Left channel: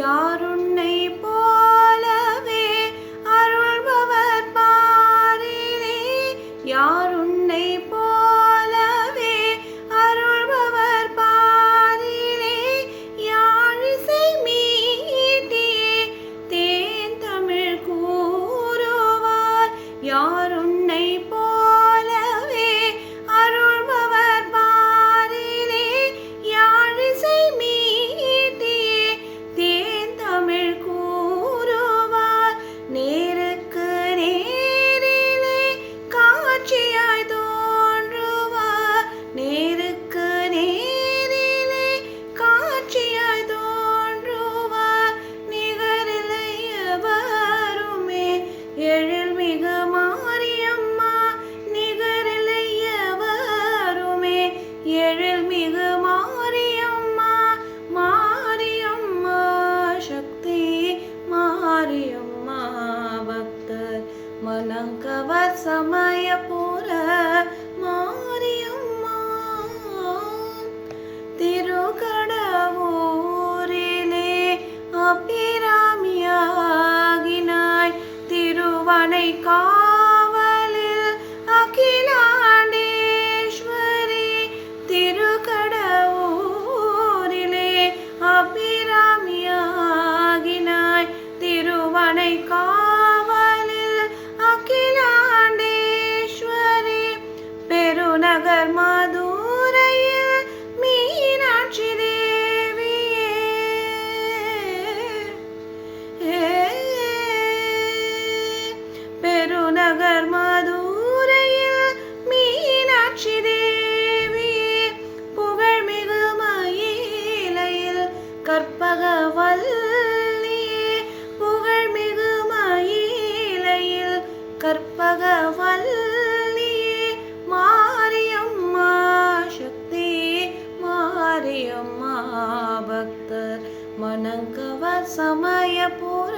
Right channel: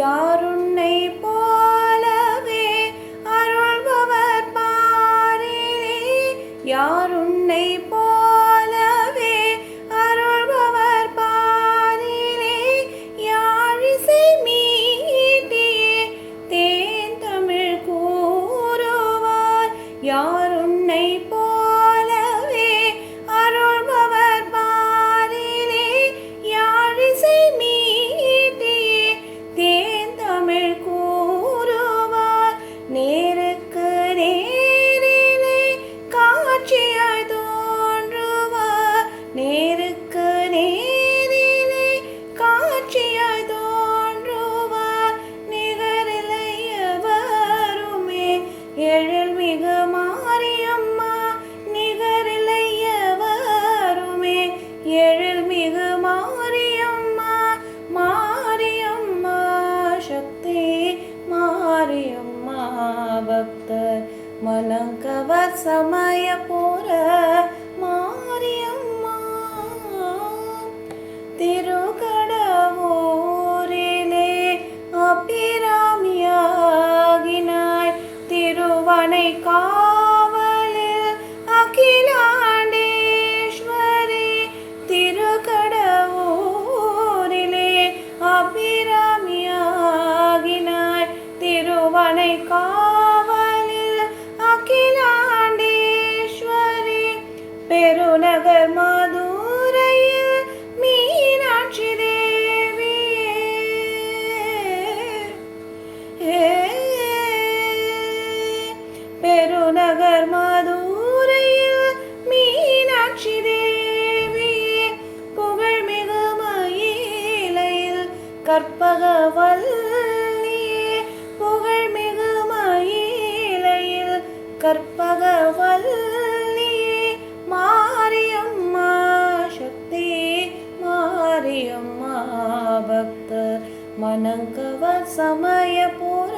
யாருன்னை போலவே அருள்பவர் பாரிலே, யாருன்னை போலவே அருள்பவர் பாரிலே, யாழிசை மீட்டியே தேன் தமிழ் கூறுவார். யாருன்னை போலவே அருள்பவர் பாரிலே, யாழிசை மீட்டியே தேன் தமிழ் கூறுவார். நேருக்கு நேரிலே காட்சியாய் தோன்றுவார், நேருக்கு நேரிலே காட்சியாய் தோன்றுவார். நிகரில்லை எவருமே எழில்மிகு மாரியம்மா, நிகரில்லை எவருமே எழில்மிகு மாரியம்மா. மாரியம்மா சக்தி, மாரியம்மா பக்தர் மனங்கவர் சமயபுர மாரியம்மா. திருக்கடவூரிலே அபிராமியாகினாய், திருவனை காவலில் அகிலாண்டேஸ்வரி. திருக்கடவூரிலே அபிராமியாகினாய், திருவனை காவலில் அகிலாண்டேஸ்வரி. பெருநகர் மதுரையில் மீனாட்சி தேவியே, பெருநகர் மதுரையில் மீனாட்சி தேவியே. புகழ்மிகு மயிலையில் கற்பகவல்லியே, புகழ்மிகு மயிலையில் கற்பகவல்லியே. மாரியம்மா சக்தி, மாரியம்மா பக்தர் மனங்கவர் சமயபுர